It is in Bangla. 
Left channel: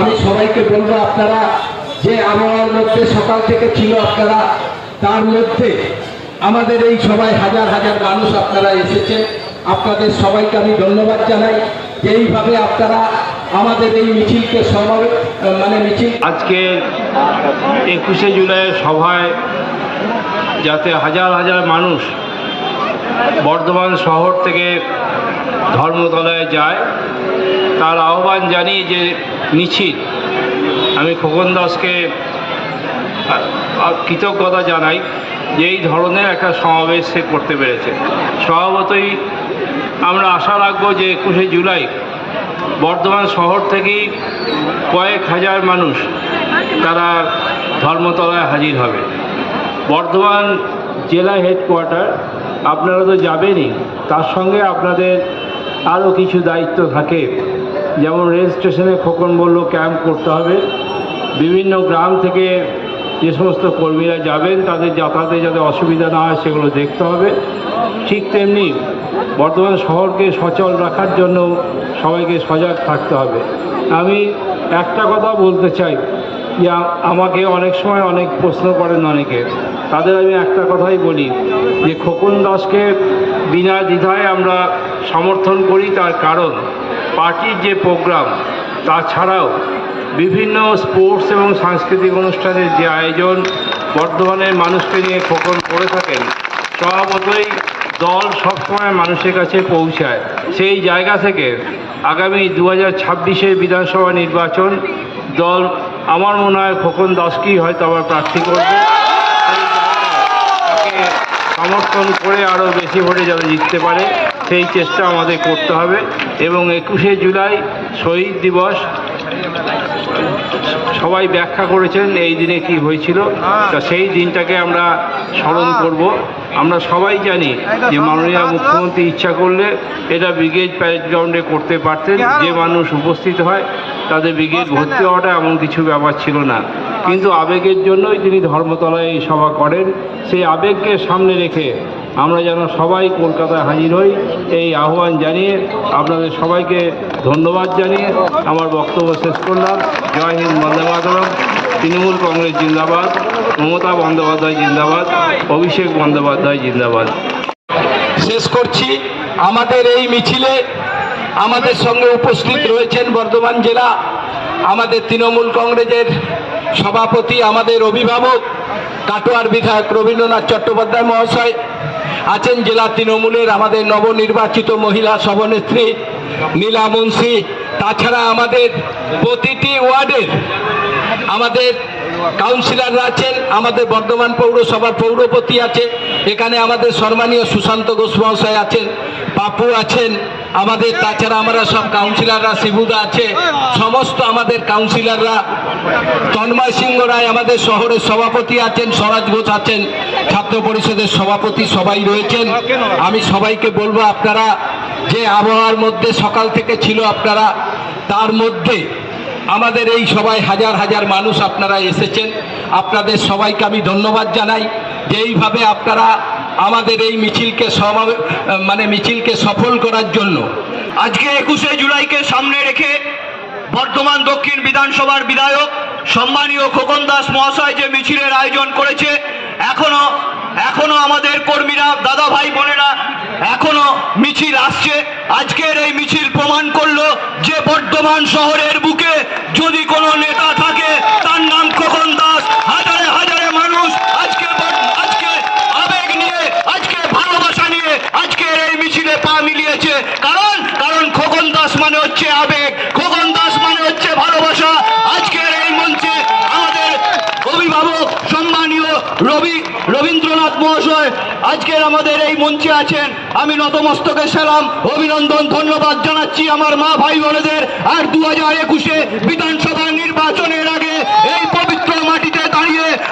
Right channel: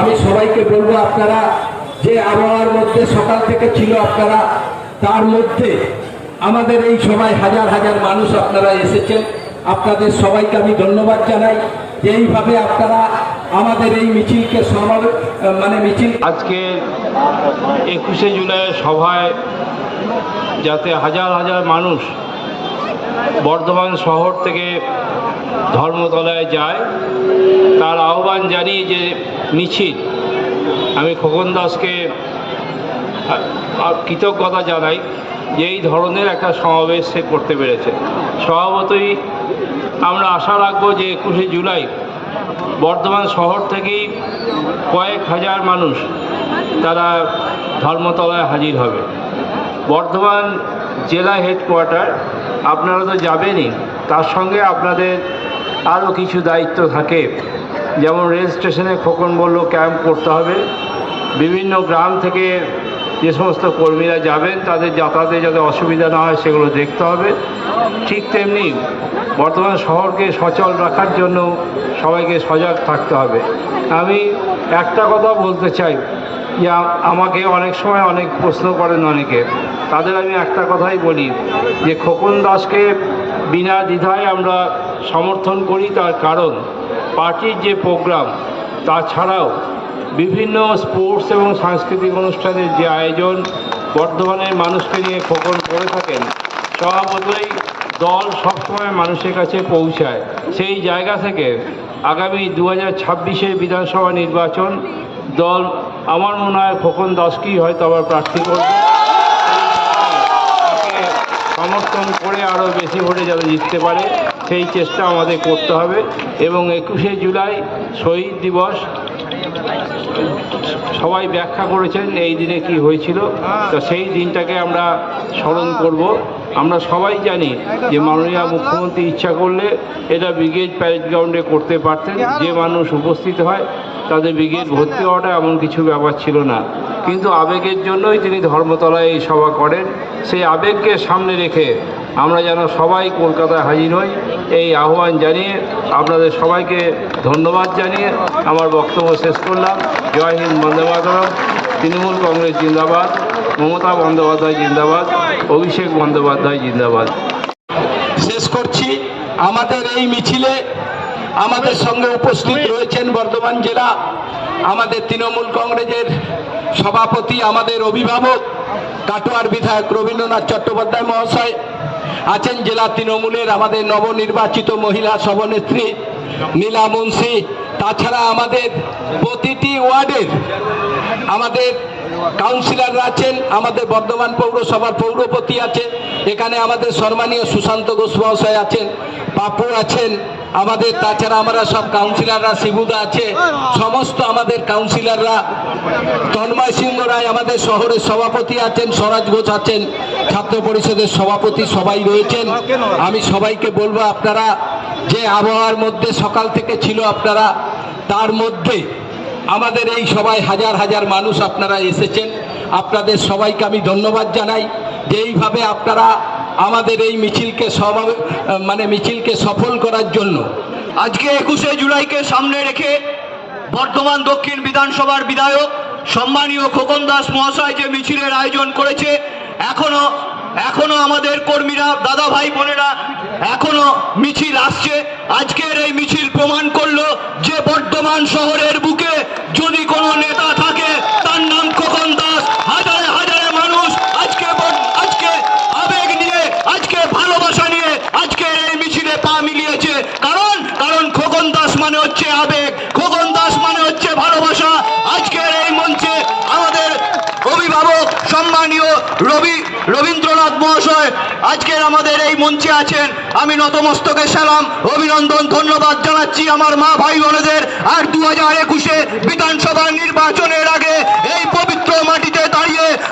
আমি সবাইকে বলব আপনারা যে আবহাওয়ার মধ্যে সকাল থেকে ছিল আপনারা তার মধ্যে আমাদের এই সবাই হাজার হাজার মানুষ আপনারা এসেছেন। আপনাদের সবাইকে আমি ধন্যবাদ জানাই। যে এইভাবে আপনারা আমাদের এই মিছিলকে সমাবে মানে মিছিল আজকে একুশে জুলাইয়ের সভায় যাতে হাজার হাজার মানুষ বর্ধমান শহর থেকে ধর্মতলায় যায়, তার আহ্বান জানিয়ে যে মিছিল, আমি খোকন দাসকে কৃতজ্ঞতা জানাই যে এই ধরনের একটা সমাবেশ সে করতে পেরেছে। স্বভাবতই আমরা আশা রাখব যে একুশে জুলাই বর্ধমান শহর থেকেই কয়েক হাজার মানুষ তারা ধর্মতলায় হাজির হবে। বর্ধমান জেলা হেডকোয়ার্টার, আপনারা তো যাবেনই, তার সঙ্গে আপনাদের আরও কিছু দায়িত্ব থাকে। যেমন রেল স্টেশনে খোকন বলল, ক্যাম্প করতে হবে। বিভিন্ন গ্রাম থেকে যে সমস্ত কর্মীরা যাবেন, তাদের যাতায়াতে যাতে অসুবিধা না হয়, সেগুলো দেখতে হবে। ঠিক তেমনি বর্তমান শহরকে সচল রাখার জন্য সবাইকে সজাগ থাকতে হবে। আমি একটা কথা বলতে চাই, যে আমাকে অনেক সময় অনেক প্রশ্ন করেন অনেকে। তাদের আমি একটা কথাই বলি, যে খোকন দাসকে বিনা দ্বিধায় আমরা সমর্থন করি, তার কারণ পার্টির যে প্রোগ্রাম, তাছাড়াও বিভিন্ন স্পোর্টস এবং সাংস্কৃতিক অনুষ্ঠানের যে আয়োজন বর্ধমানের মানুষকে নিয়ে খোকন করে থাকেন স্বভাবতই দল সবসময় মানুষের কাছে পৌঁছায়। সেই জায়গা থেকে আগামী দু হাজার ছাব্বিশের বিধানসভা নির্বাচন, দল আমার মনে হয় খোকন দাসকেই হয়তো আবার প্রার্থী করবে। তাকে সমর্থন করে আরও বেশি ভোটে যাতে জিততে পারে, সেই চেষ্টা আমাদের করতে হবে। এবং একুশে জুলাই শহীদ দিবস সবাই ব্যাখ্যা করেছেন এই দিনে কি হয়েছিল। তা সেই দিনটাকে আমরা স্মরণ করব। আমরা সবাই জানি যে মাননীয় মুখ্যমন্ত্রী ইচ্ছা করলে এটা ব্রিগেড প্যারেড গ্রাউন্ডে করতে পারতেন। যে মানুষ উপস্থিত হয় তাদের ব্রিগেড ভর্তি হওয়াটা এমন কিছু ব্যাপার ছিল না। কিন্তু আবেগের জন্যই তিনি ধর্মতলায় এই সভা করেন। সেই আবেগকে সামনে রেখে আমরা যেন সবাই কলকাতায় হাজির হই। এই আহ্বান জানিয়ে আপনাদের সবাইকে ধন্যবাদ জানিয়ে আমার বক্তব্য শেষ করলাম। জয় হিন্দ, বন্দে তৃণমূল কংগ্রেস জিন্দাবাদ। মমতা বন্দ্যোপাধ্যায় জিন্দাবাদ। অভিষেক বন্দ্যোপাধ্যায় জিন্দাবাদ। শেষ করছি। আমাদের এই মিছিলে আমাদের সঙ্গে উপস্থিত রয়েছেন বর্ধমান জেলা আমাদের তৃণমূল কংগ্রেসের সভাপতি, আমাদের অভিভাবক, কাটোয়ার বিধায়ক রবীন্দ্রনাথ চট্টোপাধ্যায় মহাশয়। আছেন জেলা তৃণমূলের আমাদের নবনির্বাচিত মহিলা সভানেত্রী নীলা মুন্সি। তাছাড়া আমাদের প্রতিটি ওয়ার্ডের আমাদের কাউন্সিলররা আছেন, আমাদের বর্ধমান পৌরসভার পৌরপতি আছে এখানে আমাদের সম্মানীয় সুশান্ত ঘোষ মহাশয় আছেন। পাপু আছেন, আমাদের তাছাড়া আমরা সব কাউন্সিলররা শিবুদা আছে, সমস্ত আমাদের কাউন্সিলররা তন্ময় সিংহ রায় আমাদের শহরের সভাপতি আছেন, স্বরাজ ঘোষ আছেন, ছাত্র পরিষদের সভাপতি সবাই রয়েছেন। আমি সবাইকে বলব আপনারা, যে আবহাওয়ার মধ্যে সকাল থেকে ছিল আপনারা, তার মধ্যে আমাদের এই সবাই হাজার হাজার মানুষ আপনারা এসেছেন। আপনাদের সবাইকে আমি ধন্যবাদ জানাই। যে এইভাবে আপনারা আমাদের এই মিছিলকে মানে মিছিলকে সফল করার জন্য। আজকে একুশে জুলাইকে সামনে রেখে বর্তমান দক্ষিণ বিধানসভার বিধায়ক সম্মানীয় খোকন দাস মহাশয় যে মিছিলের আয়োজন করেছে, এখনও এখনও আমাদের কর্মীরা দাদা ভাই বোনেরা এখনও মিছিল আসছে। আজকের এই মিছিল মোস্তকে সালাম অভিনন্দন ধন্যবাদ।